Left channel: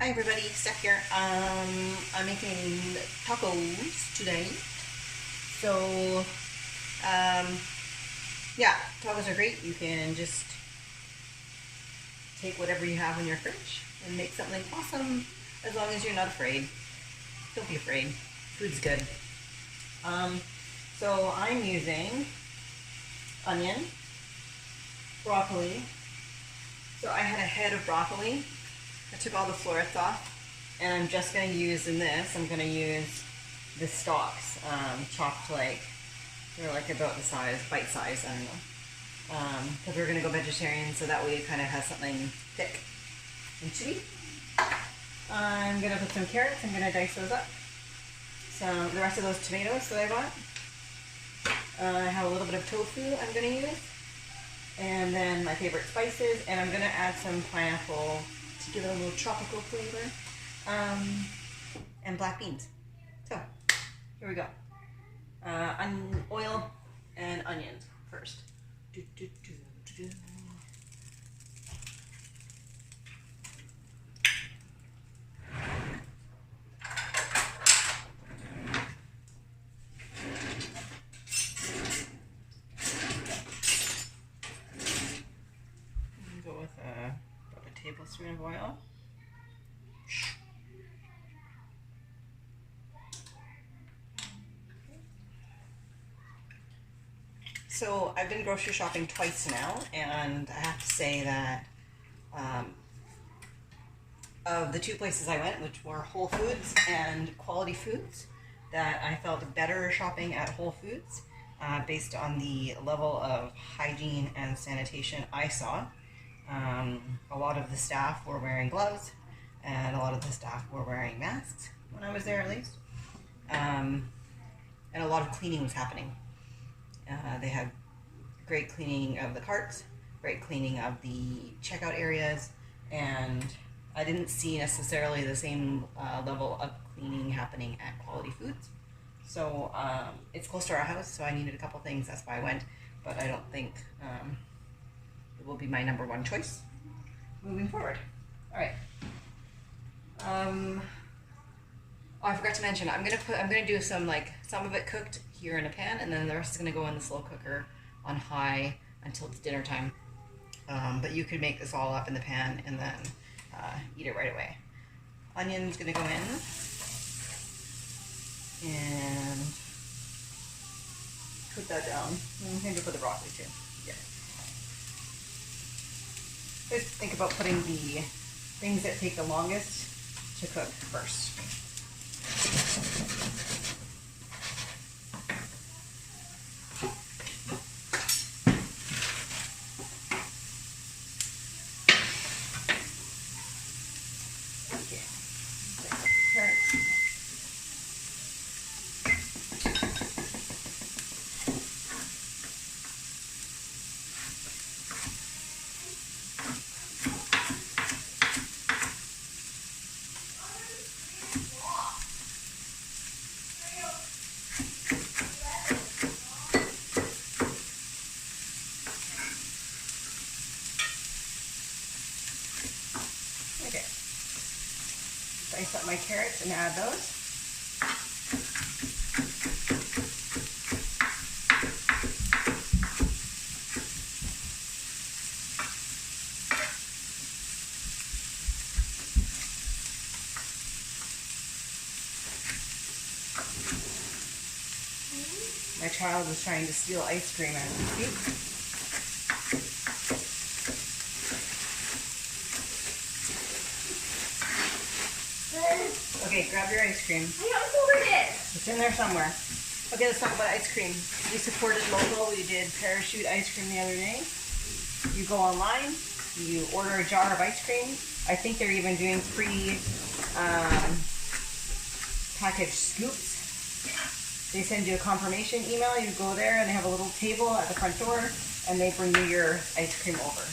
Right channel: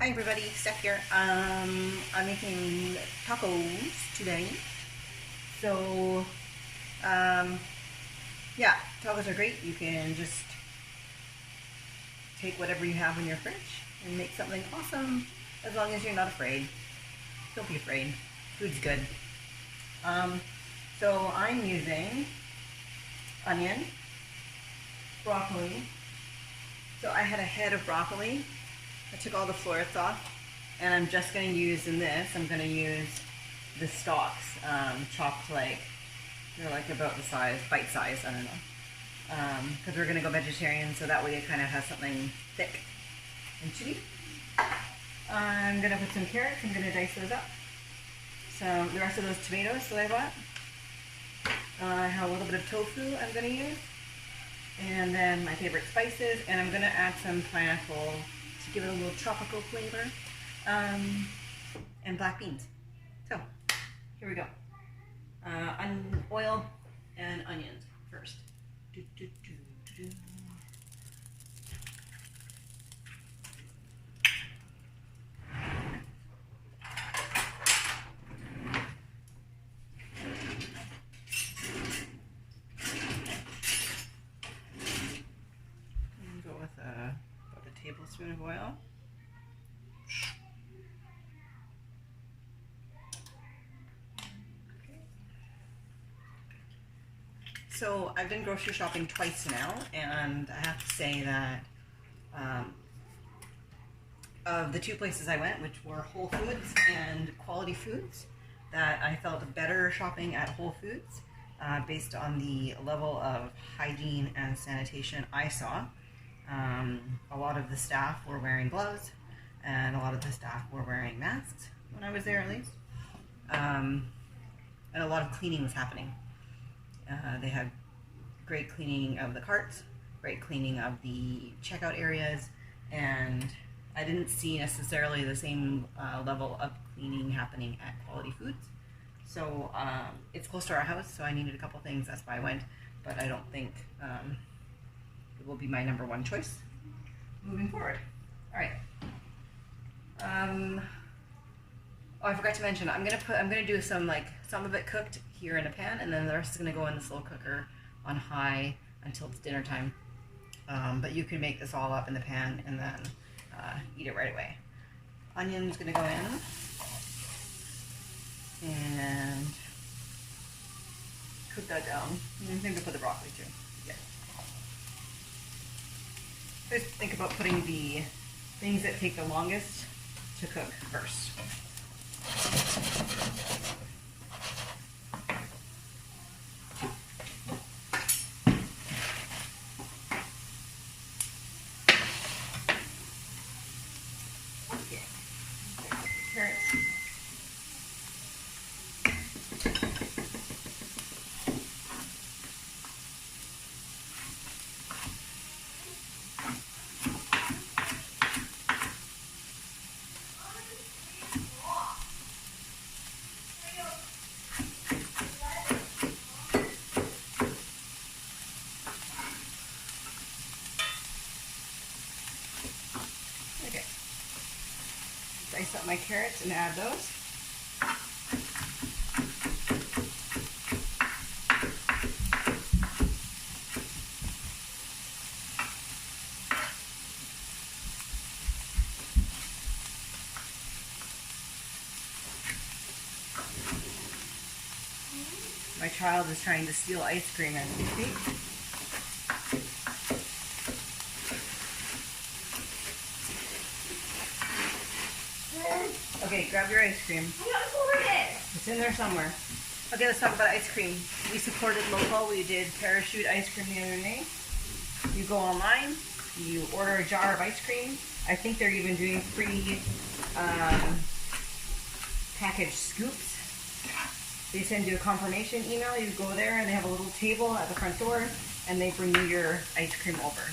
Hi everybody, Steph here. I'm making tacos today. So, um, yeah, tacos are great. You can just take whatever you have in your fridge and make something awesome as long as you're not afraid. Don't be afraid. Food's good. Um, so I'm using onion, broccoli. So I had a head of broccoli. I took all the florets off, and I'm just going to use in this, I'm going to use the stalks, chopped like, they're like about the size, bite size, I don't know. Because we're going to go vegetarian, so that way it kind of has something thick and chewy. I'm going to put some carrots, I'm going to dice those up. The rest of those tomatoes that I bought. I have a little bit of tofu I'm going to use. And then my favorite spices, and I'm going to add some pineapple to give it a little tropical flavor, and black beans. So, here we go. Oil and onions first. Go with about a tablespoon of oil. So I've been grocery shopping twice now, and I have to say that of the two places I went, which were Whole Foods and Quality Foods, that I felt better shopping at Whole Foods based on the level of hygiene and sanitation I saw. A lot of the staff were wearing gloves, and a lot of the staff were wearing masks when I was there, at least. And a lot of cleaning was happening. They had great cleaning of the carts, great cleaning of the checkout areas, and I didn't see necessarily the same level of cleaning happening at Quality Foods. So it's close to our house, so I needed a couple things, that's why I went, but I don't think it will be my number one choice moving forward. All right. Oh, I forgot to mention, I'm gonna do some of it cooked here in a pan, and then the rest is gonna go in the slow cooker on high until it's dinner time. But you could make this all up in the pan and then eat it right away. Onion's gonna go in, and cook that down. Maybe put the broccoli too. Yeah. Just think about putting the things that take the longest to cook first. Dice up my carrots and add those. My child is trying to steal ice cream as we speak. Okay, grab your ice cream. I don't know where it is. It's in there somewhere. Okay, let's talk about ice cream. We supported local. We did Parachute ice cream the other day. You go online, you order a jar of ice cream. I think they're even doing free packaged scoops. They send you a confirmation email. You go there and they have a little table at the front door, and they bring you your ice cream over.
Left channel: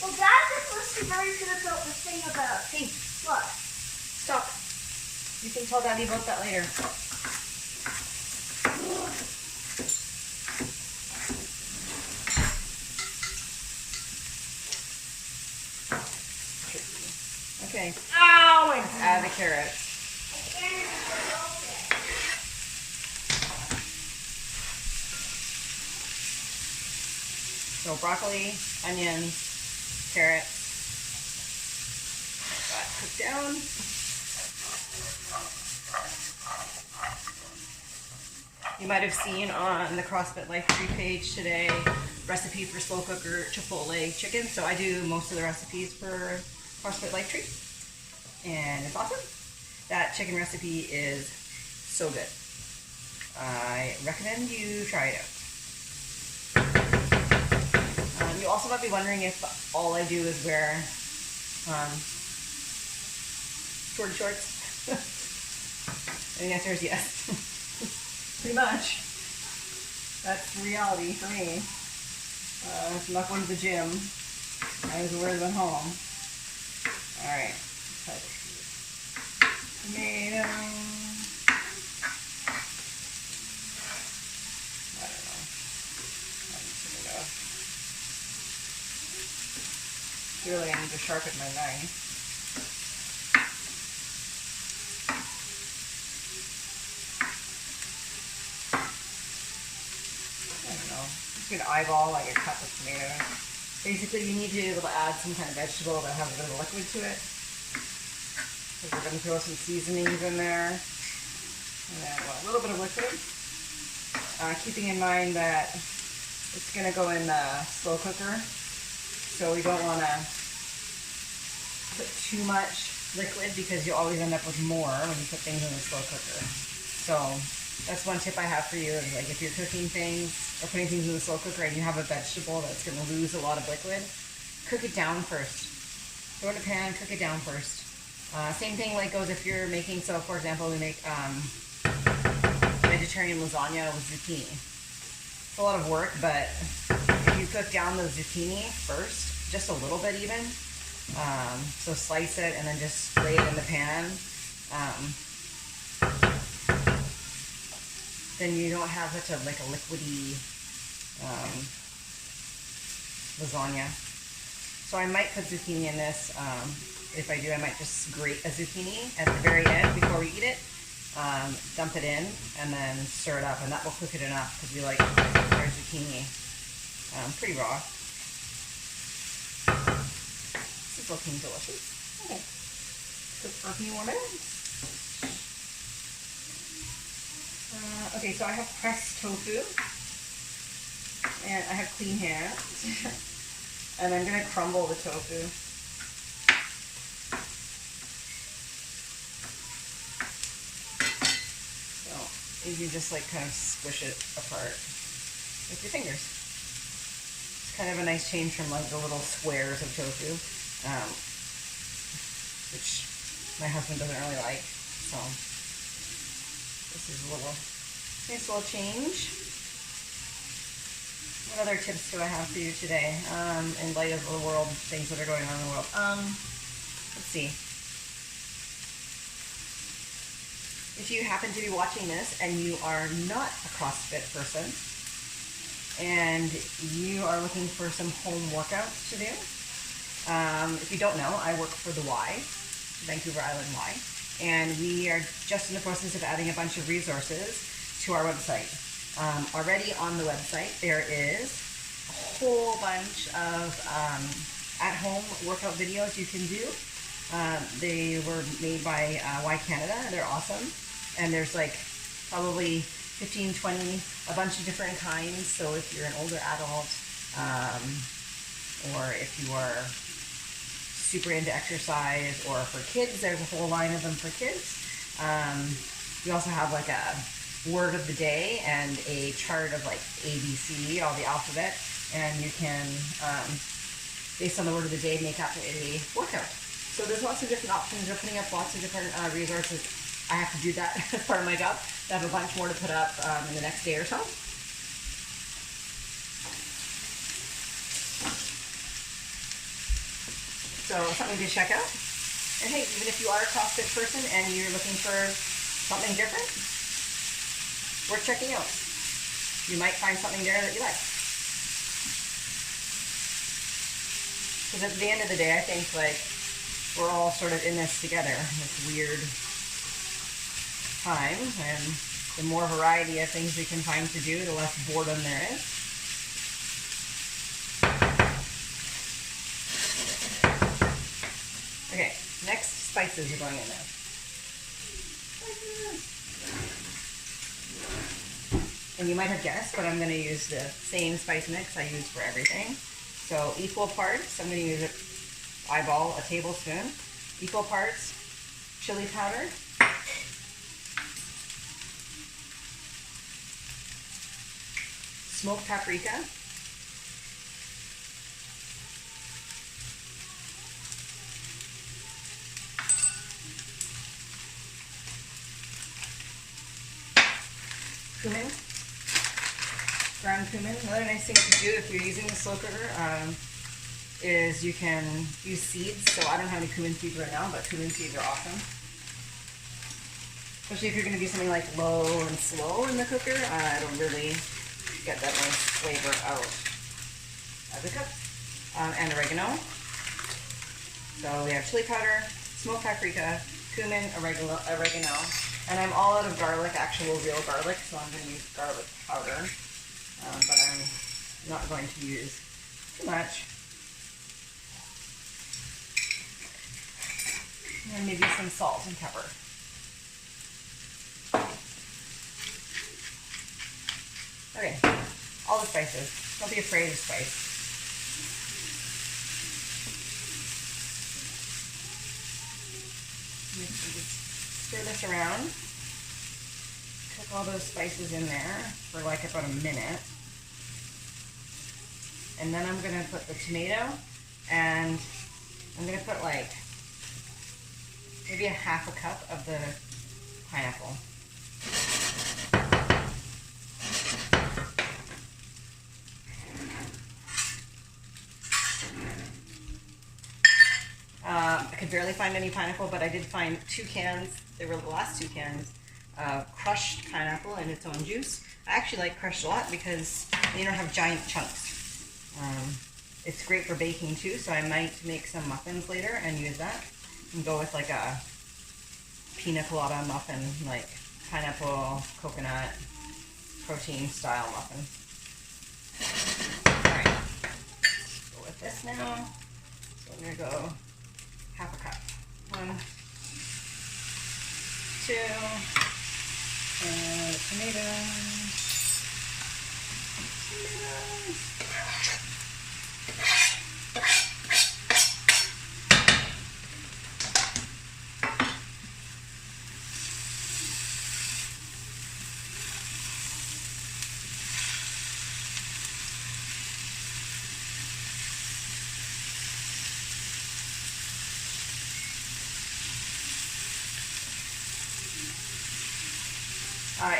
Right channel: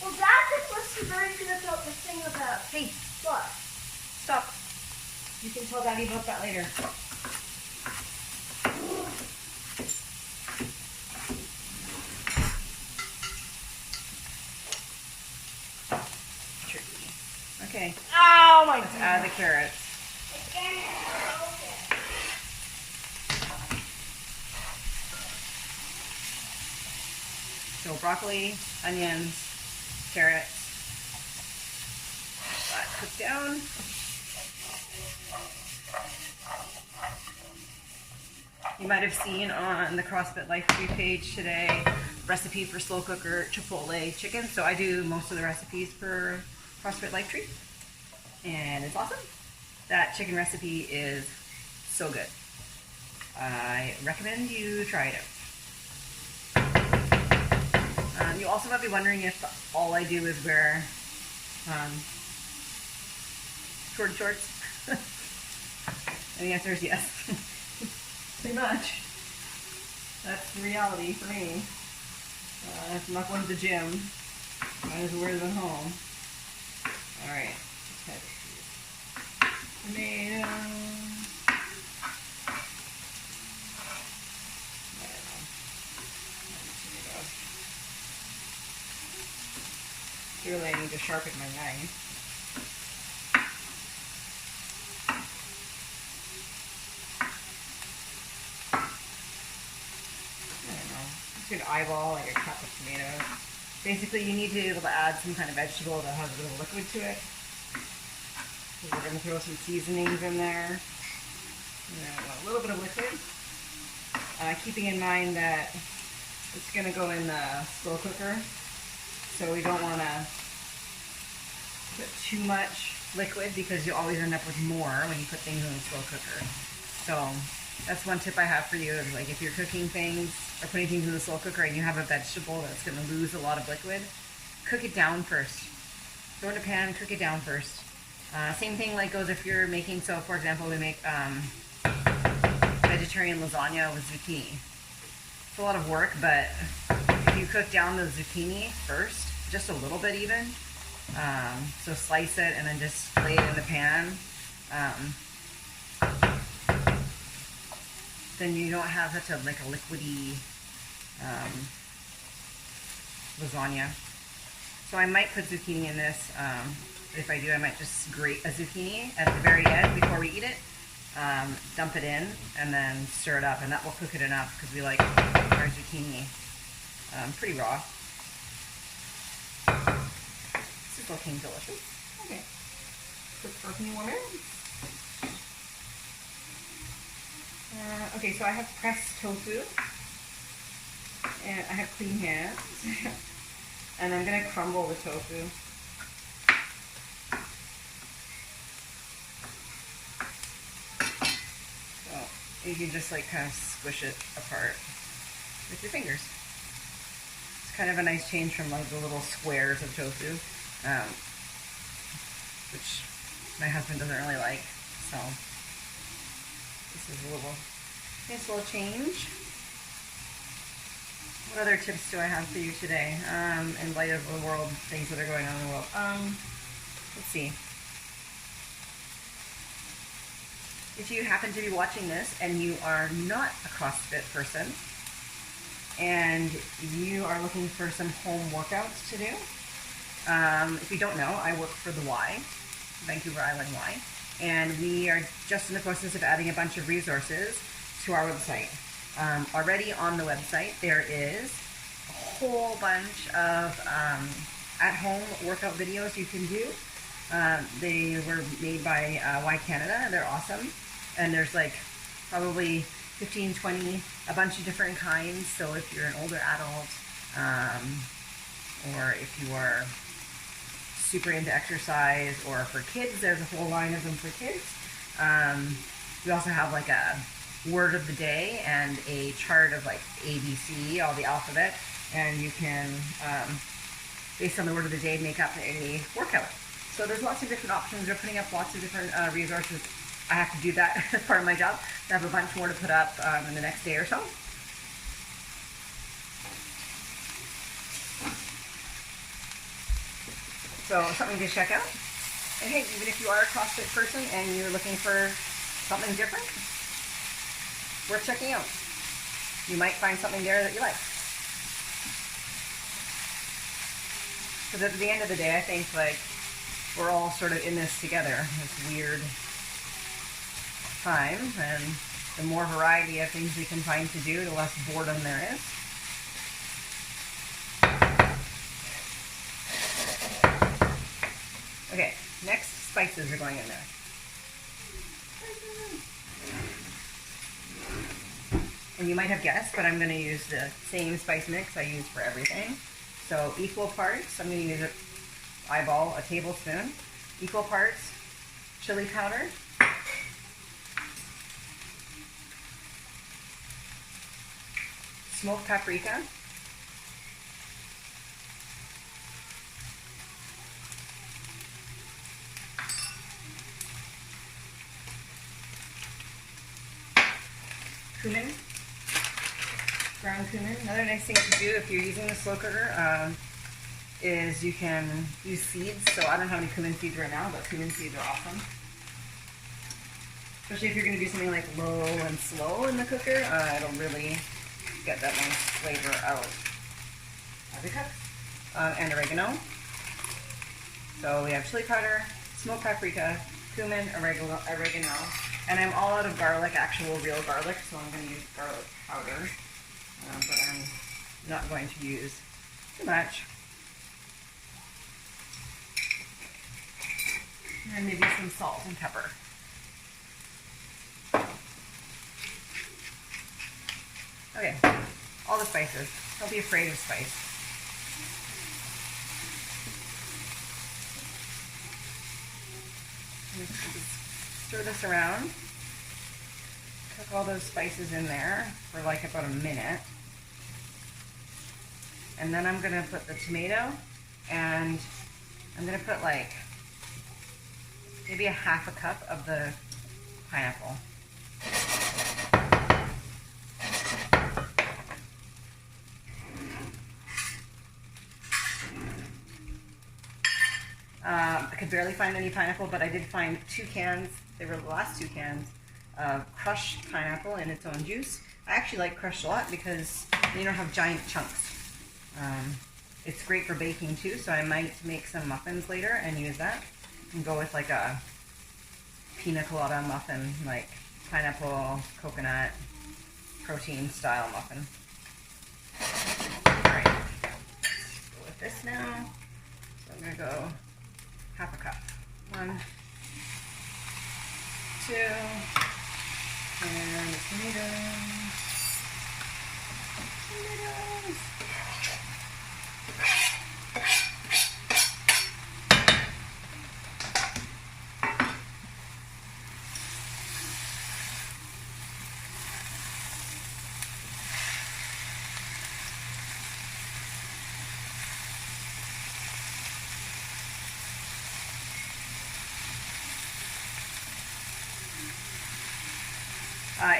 Well, Dad was very good about the thing about Hey, what? stop. You can tell Daddy about that later. Okay. Oh, Let's add the carrots. So broccoli, onions, carrots. Let that cook down. You might have seen on the CrossFit Life Tree page today recipe for slow cooker chipotle chicken. So I do most of the recipes for CrossFit Life Tree, and it's awesome. That chicken recipe is so good. I recommend you try it out. You also might be wondering if all I do is wear short shorts. And the answer is yes. Pretty much. That's the reality for me. If I'm not going to the gym, might as well wear them at home. Alright. Tomato. I don't know. Really, I need to sharpen my knife. You can eyeball like a cup of tomatoes. Basically, you need to be able to add some kind of vegetable that has a bit of liquid to it. So we're going to throw some seasonings in there. And then a little bit of liquid. Keeping in mind that it's going to go in the slow cooker. So we don't want to put too much liquid because you always end up with more when you put things in the slow cooker. So that's one tip I have for you. Like if you're cooking things or putting things in the slow cooker and you have a vegetable that's going to lose a lot of liquid, cook it down first. Throw it in a pan, cook it down first. Same thing like goes if you're making, so for example, we make vegetarian lasagna with zucchini. It's a lot of work, but if you cook down the zucchini first, just a little bit even, so slice it and then just lay it in the pan, then you don't have such a like a liquidy lasagna. So I might put zucchini in this. If I do, I might just grate a zucchini at the very end before we eat it. Dump it in and then stir it up, and that will cook it enough because we like our zucchini pretty raw. This is looking delicious. Okay. Cook for a few more minutes. Okay, so I have pressed tofu, and I have clean hands, and I'm going to crumble the tofu. So you can just like kind of squish it apart with your fingers. It's kind of a nice change from like the little squares of tofu, which my husband doesn't really like, so this is a nice little change. What other tips do I have for you today in light of the world, things that are going on in the world? Let's see. If you happen to be watching this and you are not a CrossFit person and you are looking for some home workouts to do, if you don't know, I work for the Y, Vancouver Island Y. And we are just in the process of adding a bunch of resources to our website. Already on the website, there is a whole bunch of at-home workout videos you can do. They were made by Y Canada. They're awesome. And there's like probably 15, 20, a bunch of different kinds. So if you're an older adult, or if you are super into exercise, or for kids, there's a whole line of them for kids. We also have like a word of the day and a chart of like ABC, all the alphabet, and you can, based on the word of the day, make up a workout. So there's lots of different options. They're putting up lots of different resources. I have to do that as part of my job. I have a bunch more to put up in the next day or so. So something to check out. And hey, even if you are a CrossFit person and you're looking for something different, worth checking out. You might find something there that you like. Because at the end of the day, I think like we're all sort of in this together, this weird time, and the more variety of things we can find to do, the less boredom there is. Okay, next spices are going in there. And you might have guessed, but I'm going to use the same spice mix I use for everything. So equal parts, I'm going to use a tablespoon, equal parts chili powder, smoked paprika, cumin, ground cumin. Another nice thing to do if you're using the slow cooker is you can use seeds. So I don't have any cumin seeds right now, but cumin seeds are awesome. Especially if you're going to do something like low and slow in the cooker, it'll really get that nice flavor out as it cooks. And oregano. So we have chili powder, smoked paprika, cumin, oregano, and I'm all out of garlic, actual real garlic, so I'm going to use garlic powder, but I'm not going to use too much. And maybe some salt and pepper. Okay, all the spices. Don't be afraid of spice. Just stir this around. Cook all those spices in there for like about a minute. And then I'm going to put the tomato, and I'm going to put like maybe a half a cup of the pineapple. I could barely find any pineapple, but I did find 2 cans. They were the last 2 cans of crushed pineapple in its own juice. I actually like crushed a lot because you don't have giant chunks. It's great for baking too, so I might make some muffins later and use that. And go with like a pina colada muffin, like pineapple, coconut, protein style muffin. Alright, go with this now. So I'm going to go half a cup. 1, 2, and the tomatoes.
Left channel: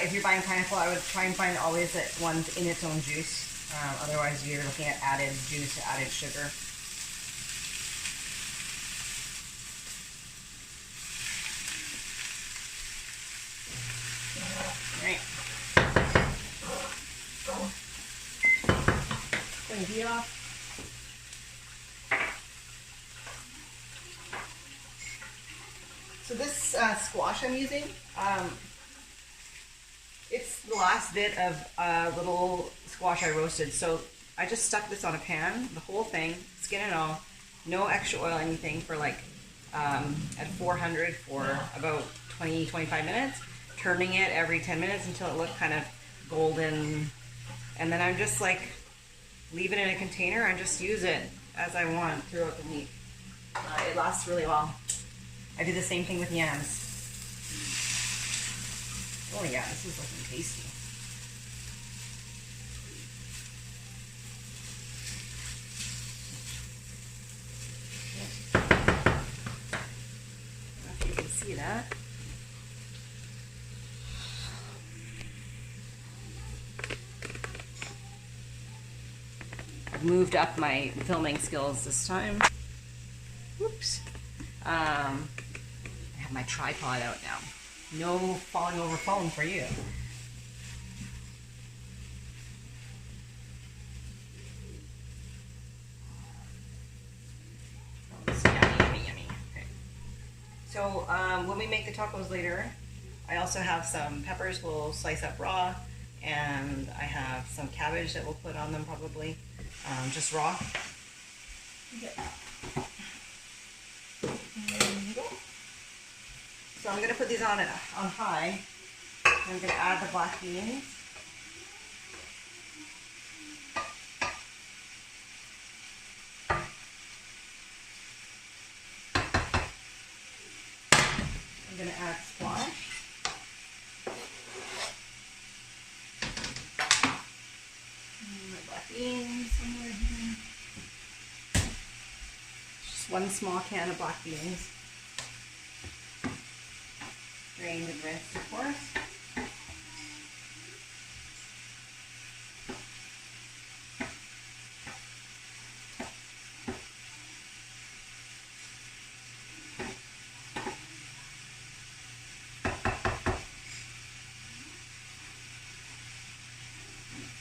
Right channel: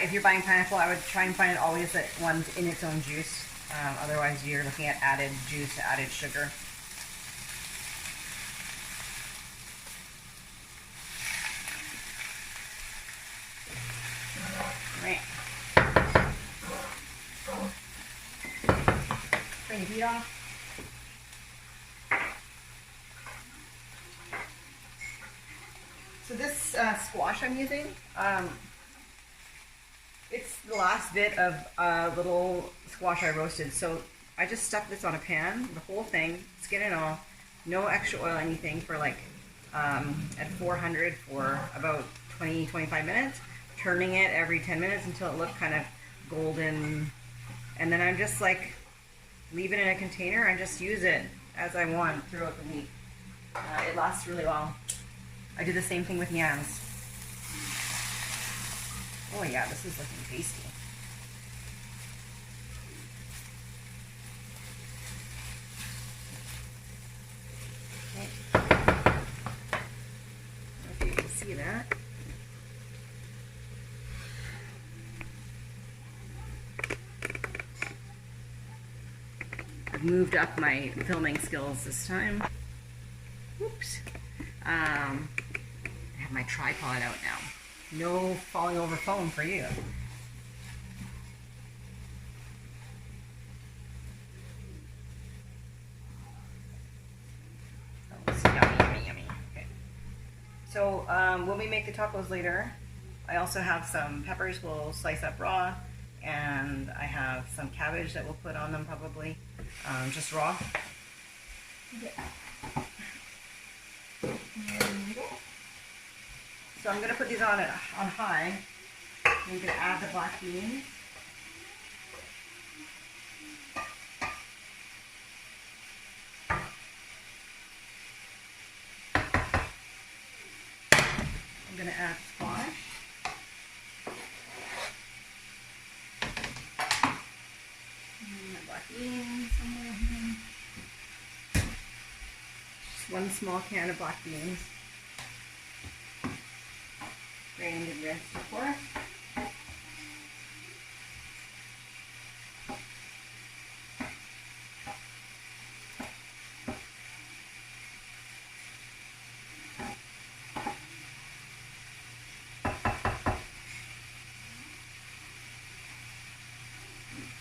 If you're buying pineapple, I would try and find always that one's in its own juice. Otherwise, you're looking at added juice, added sugar. Right. Turn the heat off. So this squash I'm using, it's the last bit of little squash I roasted. So I just stuck this on a pan, the whole thing, skin and all, no extra oil, anything, for like at 400 for about 20-25 minutes, turning it every 10 minutes until it looked kind of golden. And then I'm just like, leave it in a container and just use it as I want throughout the week. It lasts really well. I do the same thing with yams. Oh yeah, this is looking tasty. I don't know if you can see that. I've moved up my filming skills this time. Whoops. I have my tripod out now. No falling over phone for you. Oh, it's yummy, yummy, yummy. Okay. So when we make the tacos later, I also have some peppers we'll slice up raw, and I have some cabbage that we'll put on them probably, just raw. So I'm gonna put these on high. I'm gonna add the black beans. I'm gonna add squash. My black beans somewhere here. Just one small can of black beans. Drained and rinsed, of course.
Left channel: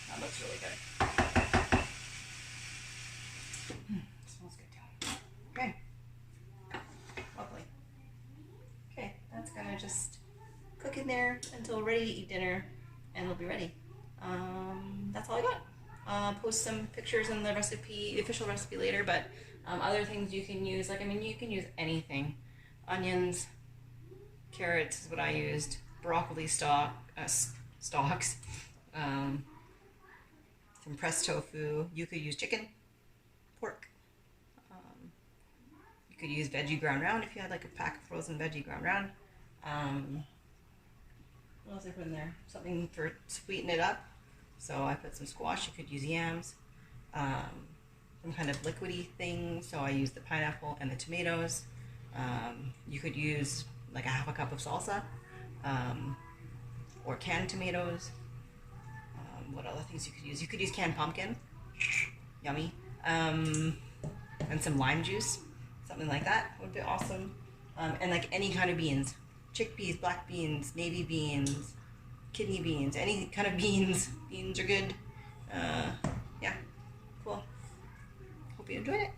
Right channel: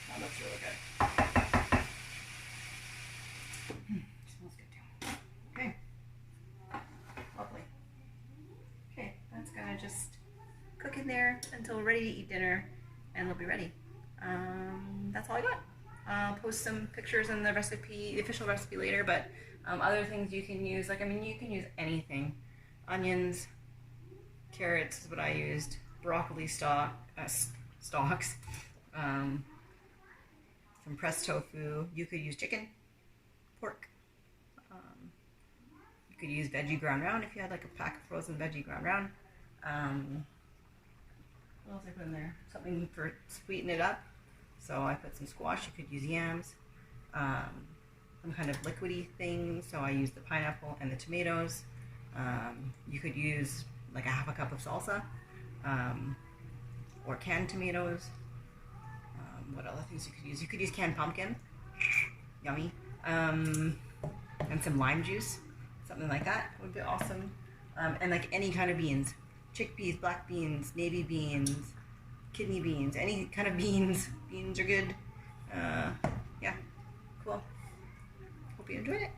That looks really good. Smells good too. Okay. Lovely. Okay, that's gonna just cook in there until we're ready to eat dinner, and we'll be ready. That's all I got. I'll post some pictures in the recipe, the official recipe later, but other things you can use, like, I mean, you can use anything. Onions, carrots is what I used, broccoli stalks, some pressed tofu. You could use chicken, pork. You could use veggie ground round if you had like a pack of frozen veggie ground round. What else did I put in there? Something for sweeten it up. So I put some squash. You could use yams, some kind of liquidy thing. So I used the pineapple and the tomatoes. You could use like a half a cup of salsa, or canned tomatoes. What other things you could use? You could use canned pumpkin. Yummy. And some lime juice. Something like that would be awesome. And like any kind of beans. Chickpeas, black beans, navy beans, kidney beans, any kind of beans. Beans are good. Yeah, cool. Hope you enjoy it.